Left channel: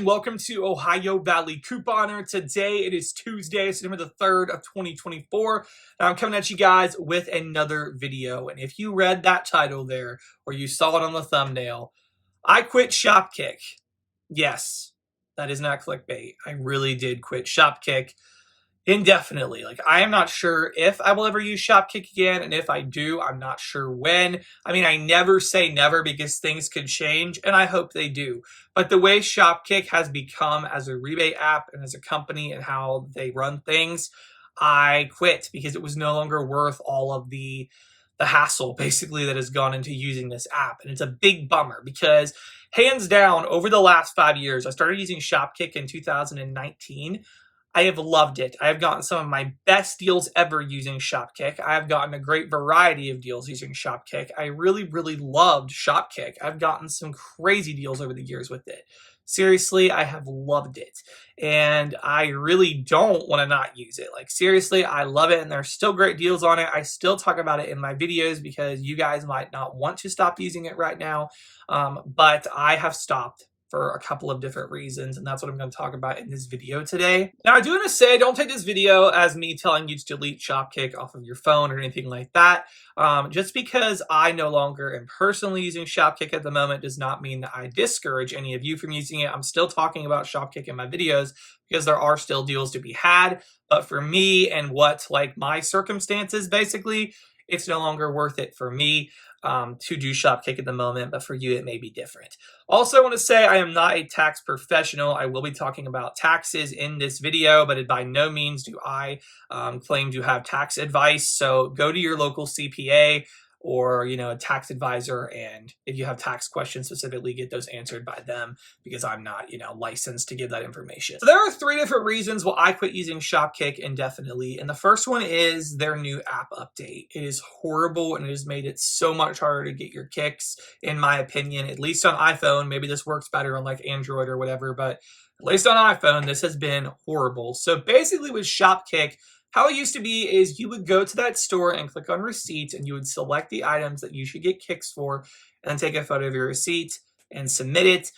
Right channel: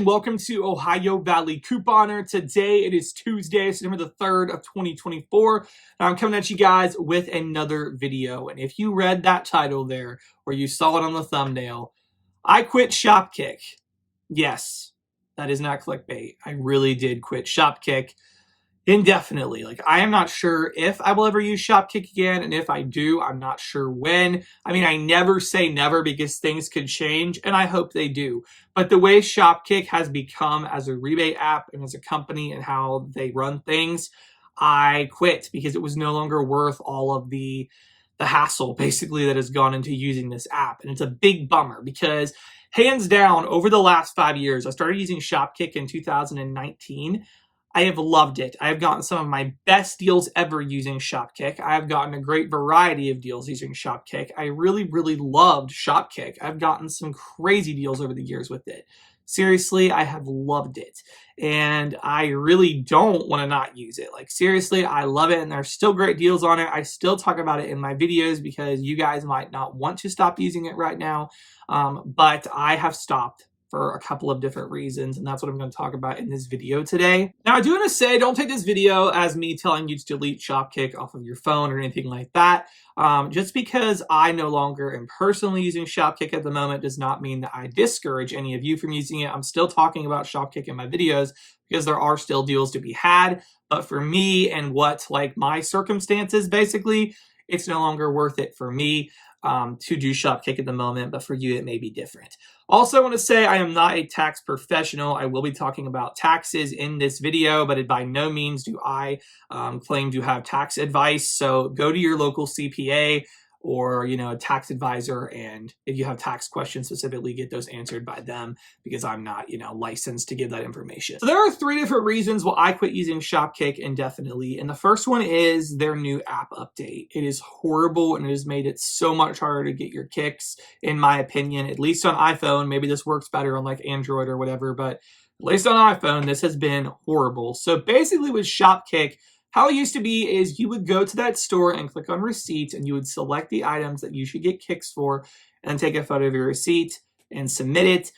and welcome to Ohio Valley Couponer. Today it is Tuesday, September the 3rd of 2024, and I'm coming at you guys with another video. And if you read that title there, or you saw it on the thumbnail, I quit Shopkick. Yes, that is not clickbait. I really did quit Shopkick indefinitely. Like, I am not sure if I will ever use Shopkick again, and if I do, I'm not sure when. I mean, I never say never because things could change, and I hope they do. But the way Shopkick has become as a rebate app and as a company and how they run things, I quit because it was no longer worth all of the hassle basically that has gone into using this app. And it's a big bummer because hands down, over the last 5 years, I started using Shopkick in 2019. I have loved it. I have gotten some of my best deals ever using Shopkick. I have gotten a great variety of deals using Shopkick. I really, really loved Shopkick. I've gotten some crazy deals over the years with it. Seriously, I have loved it. And I really don't want to not use it. Like, seriously, I love it. And there's still great deals on it. I still talk about it in my videos because you guys might not want to stop using it right now. But I have stopped for a couple of different reasons, and that's what I'm going to talk about in this video today. Now, I do want to say, don't take this video as me telling you to delete Shopkick off of your phone or anything like that. Just because I no longer am personally using Shopkick at the moment does not mean that I discourage any of you from using it. I'm still talking about Shopkick in my videos because there are still deals to be had, but for me and what, like, my circumstances, basically, it's no longer worth it for me to do Shopkick at the moment, but for you, it may be different. Also, I want to say I am not a tax professional. I will be talking about taxes in this video, but by no means do I claim to have tax advice. So go to your local CPA or, a tax advisor, and if you have tax questions specifically, get those answered by them because I'm not, licensed to give that information. So there are 3 different reasons why I quit using Shopkick indefinitely, and the first one is their new app update. It is horrible, and it has made it so much harder to get your kicks, in my opinion, at least on iPhone. Maybe this works better on like Android or whatever, but at least on iPhone, this has been horrible. So basically with Shopkick, how it used to be is you would go to that store and click on receipts, and you would select the items that you should get kicks for and take a photo of your receipt and submit it.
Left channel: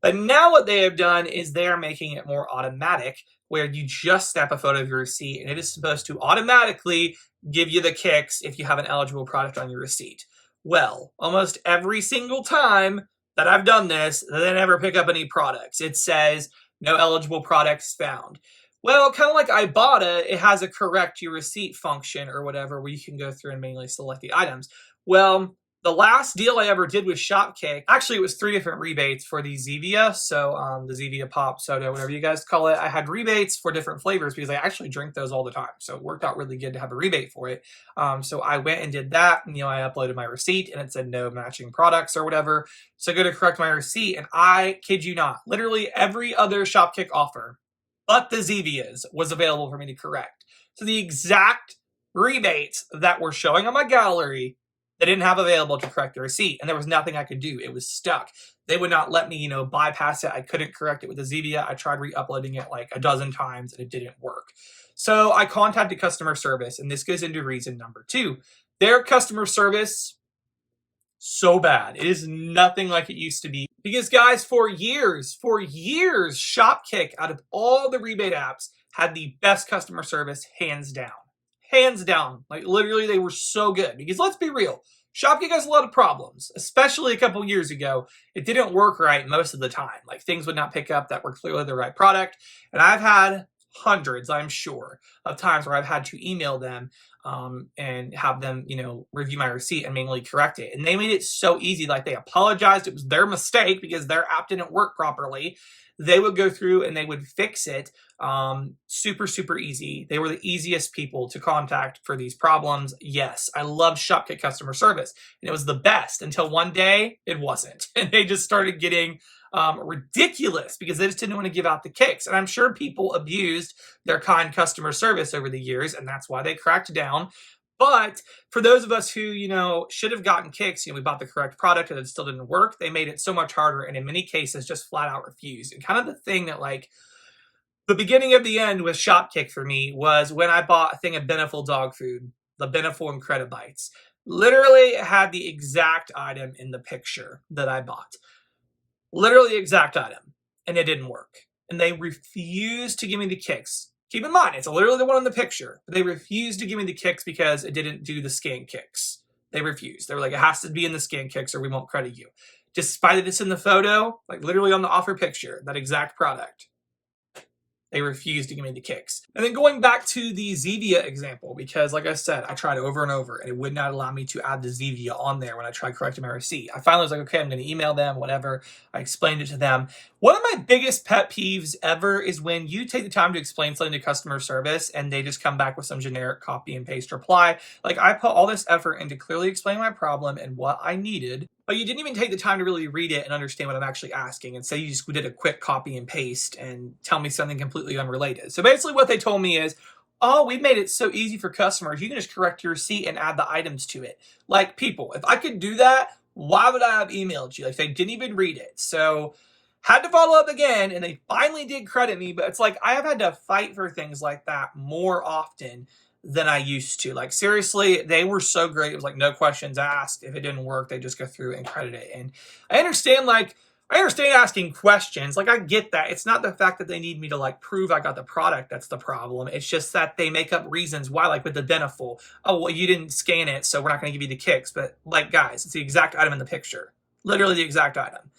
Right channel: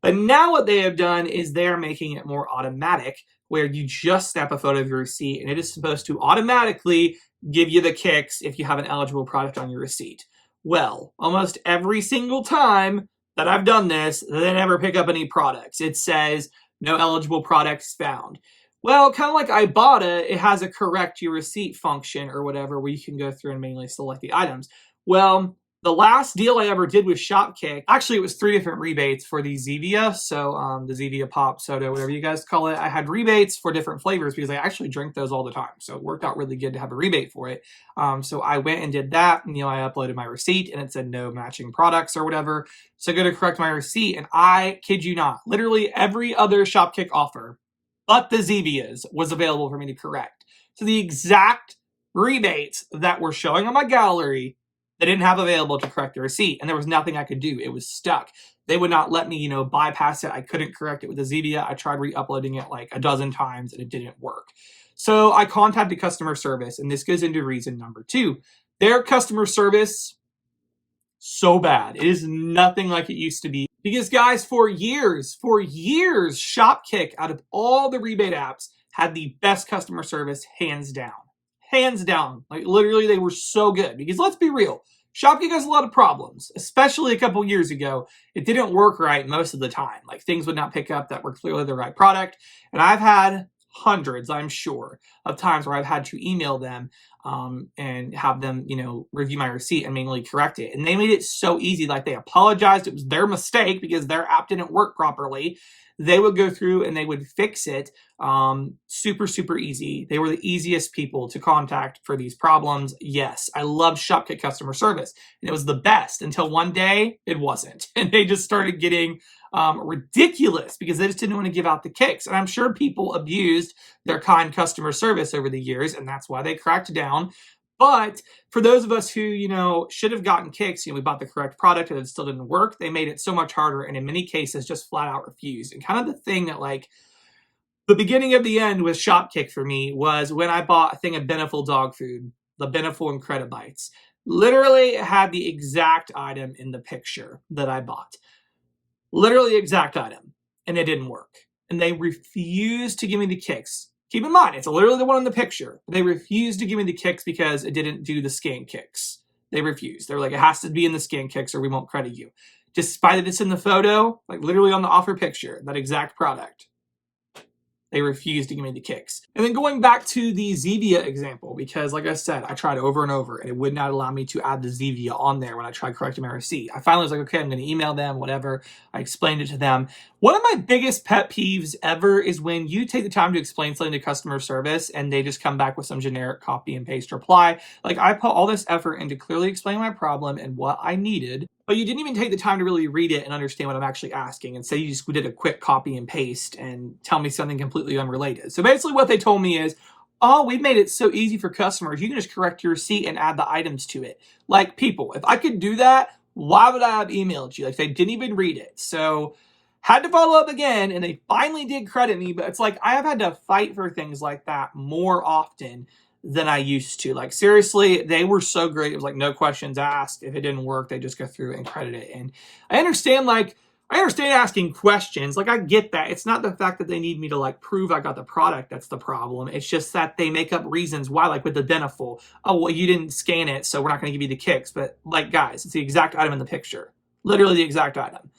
But now what they have done is they are making it more automatic, where you just snap a photo of your receipt and it is supposed to automatically give you the kicks if you have an eligible product on your receipt. Well, almost every single time that I've done this, they never pick up any products. It says no eligible products found. Well, kind of like Ibotta, it has a correct your receipt function or whatever where you can go through and manually select the items. Well, the last deal I ever did with Shopkick, actually it was 3 different rebates for the Zevia. So the Zevia Pop Soda, whatever you guys call it. I had rebates for different flavors because I actually drink those all the time. So it worked out really good to have a rebate for it. So I went and did that. And, I uploaded my receipt and it said no matching products or whatever. So I go to correct my receipt, and I kid you not, literally every other Shopkick offer but the Zevias was available for me to correct. So the exact rebates that were showing on my gallery, they didn't have available to correct the receipt, and there was nothing I could do. It was stuck. They would not let me, bypass it. I couldn't correct it with the Zevia. I tried re-uploading it like a dozen times, and it didn't work. So I contacted customer service, and this goes into reason number 2. Their customer service, so bad. It is nothing like it used to be. Because guys, for years, Shopkick, out of all the rebate apps, had the best customer service, hands down. Hands down. Like, literally, they were so good. Because let's be real, Shopkick has a lot of problems, especially a couple years ago. It didn't work right most of the time. Like, things would not pick up that were clearly the right product. And I've had hundreds, I'm sure, of times where I've had to email them and have them, review my receipt and manually correct it. And they made it so easy. Like, they apologized. It was their mistake because their app didn't work properly. They would go through and they would fix it. Super, super easy. They were the easiest people to contact for these problems. Yes, I love Shopkick customer service, and it was the best until one day it wasn't. And they just started getting ridiculous because they just didn't want to give out the kicks. And I'm sure people abused their kind customer service over the years, and that's why they cracked down. But for those of us who, should have gotten kicks, we bought the correct product and it still didn't work, they made it so much harder, and in many cases just flat out refused. And kind of the thing that, like, the beginning of the end with Shopkick for me was when I bought a thing of Beneful dog food, the Beneful Incredibites. Literally had the exact item in the picture that I bought. Literally the exact item. and it didn't work. And they refused to give me the kicks. Keep in mind, it's literally the one in the picture. They refused to give me the kicks because it didn't do the scan kicks. They refused. They were like, it has to be in the scan kicks or we won't credit you. Despite that it's in the photo, like literally on the offer picture, that exact product. They refused to give me the kicks. And then going back to the Zevia example, because like I said, I tried over and over and it would not allow me to add the Zevia on there when I tried correcting my receipt. I finally was like, okay, I'm going to email them, whatever. I explained it to them. One of my biggest pet peeves ever is when you take the time to explain something to customer service and they just come back with some generic copy and paste reply. Like I put all this effort into clearly explaining my problem and what I needed, but you didn't even take the time to really read it and understand what I'm actually asking. And say you just did a quick copy and paste and tell me something completely unrelated. So basically what they told me is, oh, we've made it so easy for customers. You can just correct your receipt and add the items to it. Like people, if I could do that, why would I have emailed you? Like they didn't even read it. So had to follow up again and they finally did credit me. But it's like I have had to fight for things like that more often than I used to. Like seriously, they were so great. It was like no questions asked. If it didn't work, they just go through and credit it. And I understand asking questions. Like I get that. It's not the fact that they need me to like prove I got the product that's the problem. It's just that they make up reasons why, like with the Denaful. Oh, well, you didn't scan it, so we're not going to give you the kicks. But like guys, it's the exact item in the picture. Literally the exact item.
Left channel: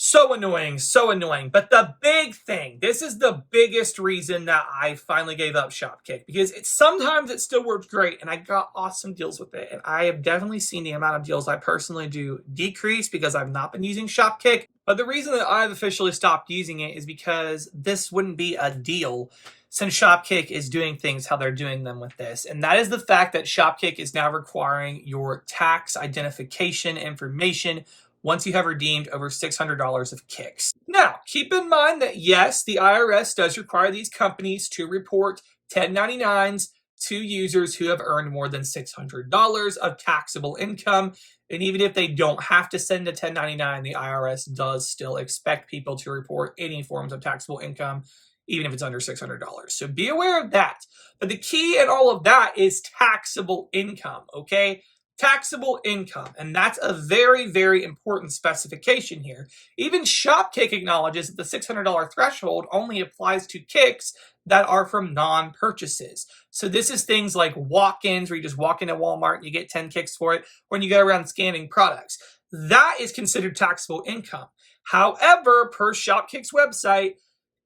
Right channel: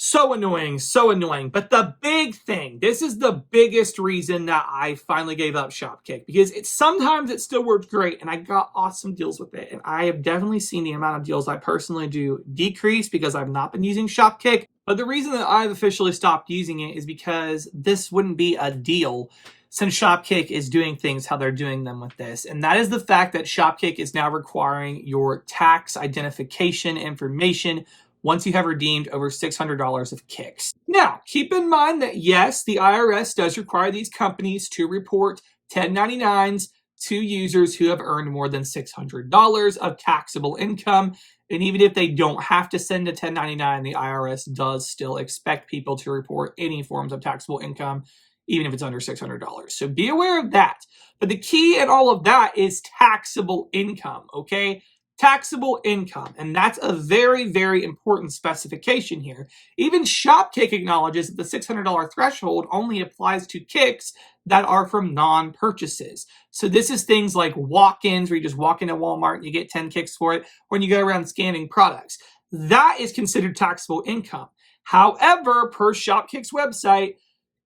So annoying, so annoying. But the big thing, this is the biggest reason that I finally gave up Shopkick, because sometimes it still works great and I got awesome deals with it. And I have definitely seen the amount of deals I personally do decrease because I've not been using Shopkick. But the reason that I've officially stopped using it is because this wouldn't be a deal since Shopkick is doing things how they're doing them with this. And that is the fact that Shopkick is now requiring your tax identification information once you have redeemed over $600 of kicks. Now, keep in mind that yes, the IRS does require these companies to report 1099s to users who have earned more than $600 of taxable income. And even if they don't have to send a 1099, the IRS does still expect people to report any forms of taxable income, even if it's under $600. So be aware of that. But the key in all of that is taxable income, okay? Taxable income. And that's a very, very important specification here. Even Shopkick acknowledges that the $600 threshold only applies to kicks that are from non-purchases. So this is things like walk-ins where you just walk into Walmart and you get 10 kicks for it, when you go around scanning products. That is considered taxable income. However, per Shopkick's website,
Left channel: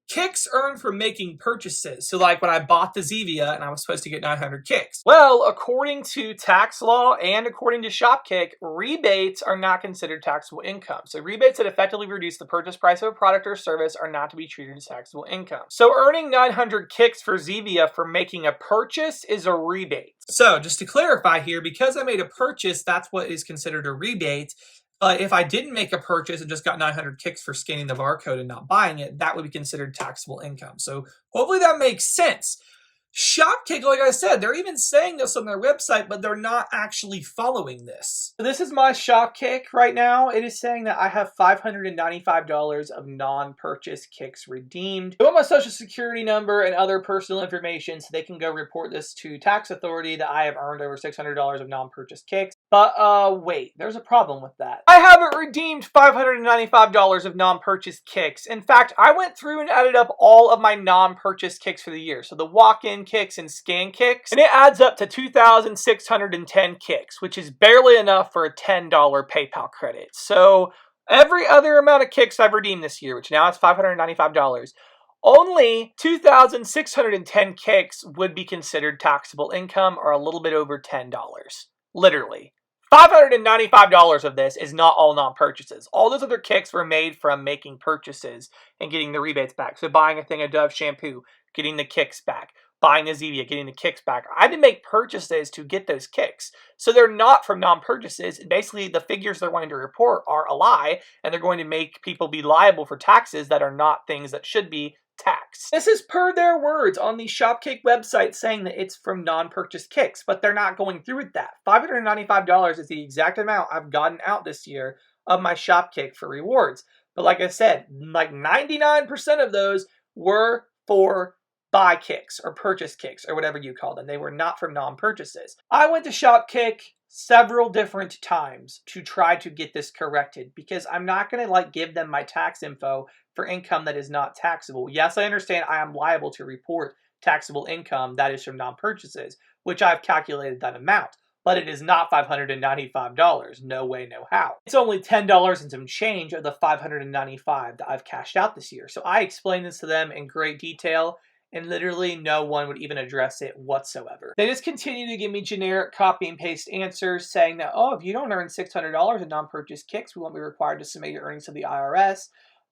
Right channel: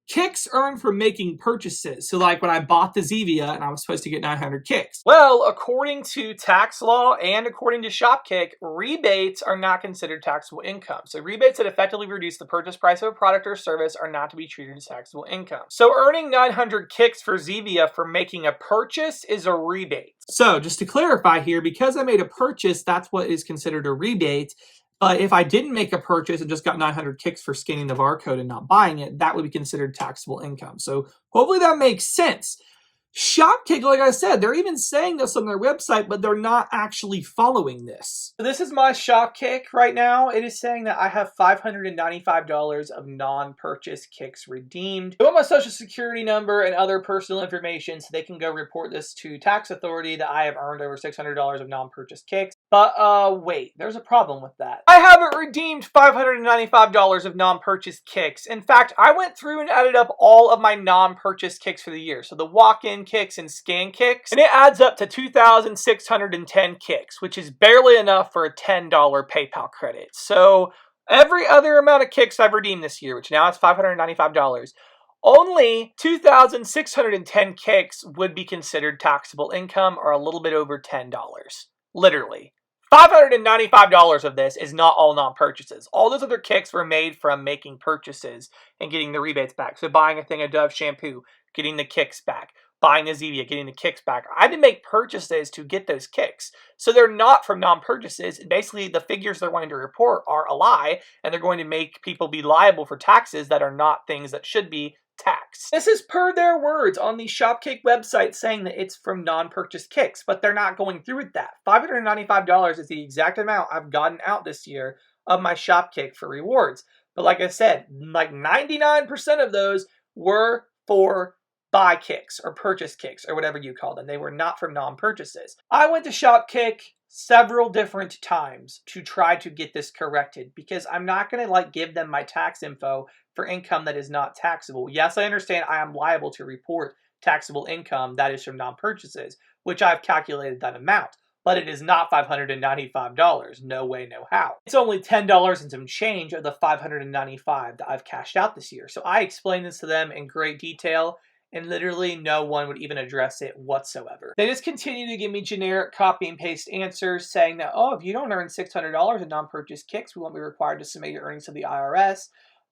kicks earned from making purchases. So like when I bought the Zevia and I was supposed to get 900 kicks. Well, according to tax law and according to Shopkick, rebates are not considered taxable income. So rebates that effectively reduce the purchase price of a product or service are not to be treated as taxable income. So earning 900 kicks for Zevia for making a purchase is a rebate. So just to clarify here, because I made a purchase, that's what is considered a rebate. But if I didn't make a purchase and just got 900 kicks for scanning the barcode and not buying it, that would be considered taxable income. So hopefully that makes sense. Shopkick, like I said, they're even saying this on their website, but they're not actually following this. So this is my Shopkick right now. It is saying that I have $595 of non-purchase kicks redeemed. I want my social security number and other personal information so they can go report this to tax authority that I have earned over $600 of non-purchase kicks. But wait, there's a problem with that. I haven't redeemed $595 of non-purchase kicks. In fact, I went through and added up all of my non-purchase kicks for the year. So the walk-in kicks and scan kicks, and it adds up to 2,610 kicks, which is barely enough for a $10 PayPal credit. So every other amount of kicks I've redeemed this year, which now is $595, only 2,610 kicks would be considered taxable income, or a little bit over $10. Literally. $595 of this is not all non-purchases. All those other kicks were made from making purchases and getting the rebates back. So buying a thing of Dove shampoo, getting the kicks back. Buying the Zevia, getting the kicks back. I had to make purchases to get those kicks. So they're not from non-purchases. Basically, the figures they're going to report are a lie, and they're going to make people be liable for taxes that are not things that should be taxed. This is per their words on the Shopkick website saying that it's from non-purchase kicks, but they're not going through with that. $595 is the exact amount I've gotten out this year of my Shopkick for rewards. But like I said, like 99% of those were for buy kicks or purchase kicks or whatever you call them. They were not from non-purchases. I went to Shopkick, several different times to try to get this corrected, because I'm not going to give them my tax info for income that is not taxable. Yes, I understand I am liable to report taxable income that is from non-purchases, which I've calculated that amount, but it is not $595. No way, no how. It's only $10 and some change of the $595 that I've cashed out this year. So I explained this to them in great detail, and literally no one would even address it whatsoever. They just continue to give me generic copy and paste answers saying that, oh, if you don't earn $600 in non-purchase kicks, we won't be required to submit your earnings to the IRS.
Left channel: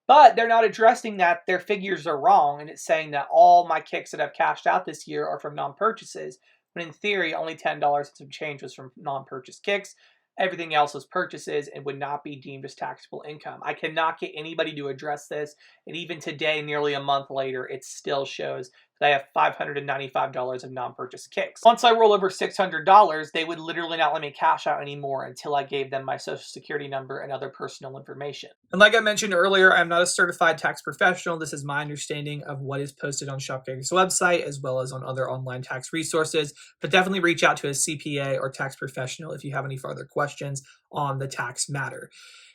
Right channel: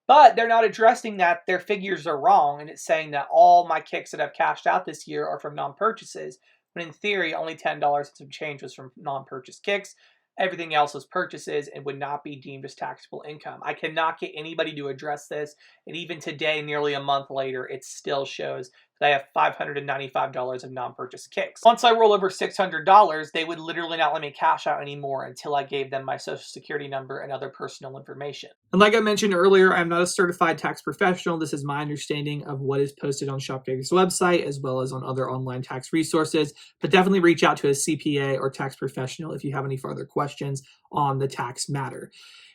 But they're not addressing that their figures are wrong, and it's saying that all my kicks that I've cashed out this year are from non-purchases, when in theory, only $10 and some change was from non-purchase kicks. Everything else was purchases and would not be deemed as taxable income. I cannot get anybody to address this, and even today, nearly a month later, it still shows that I have $595 of non-purchase kicks. Once I roll over $600, they would literally not let me cash out anymore until I gave them my social security number and other personal information. And like I mentioned earlier, I'm not a certified tax professional. This is my understanding of what is posted on Shopkick's website as well as on other online tax resources, but definitely reach out to a CPA or tax professional if you have any further questions on the tax matter.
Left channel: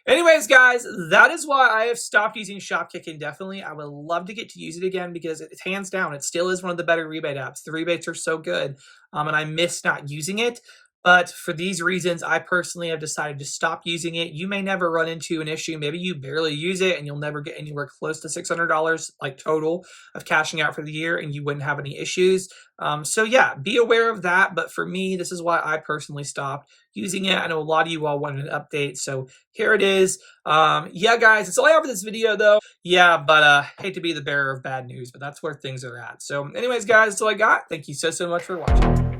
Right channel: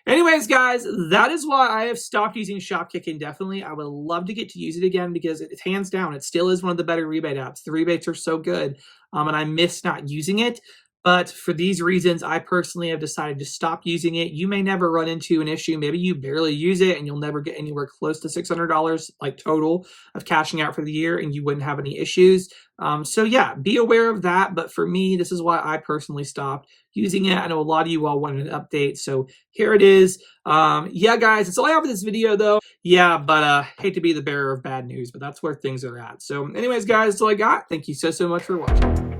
Anyways, guys, that is why I have stopped using Shopkick indefinitely. I would love to get to use it again because it's hands down, it still is one of the better rebate apps. The rebates are so good, and I miss not using it. But for these reasons, I personally have decided to stop using it. You may never run into an issue. Maybe you barely use it and you'll never get anywhere close to $600 total of cashing out for the year, and you wouldn't have any issues. So yeah, be aware of that. But for me, this is why I personally stopped using it. I know a lot of you all wanted an update, so here it is. Yeah, guys, that's all I have for this video, though. Yeah, but hate to be the bearer of bad news, but that's where things are at. So anyways, guys, that's all I got. Thank you so much for watching.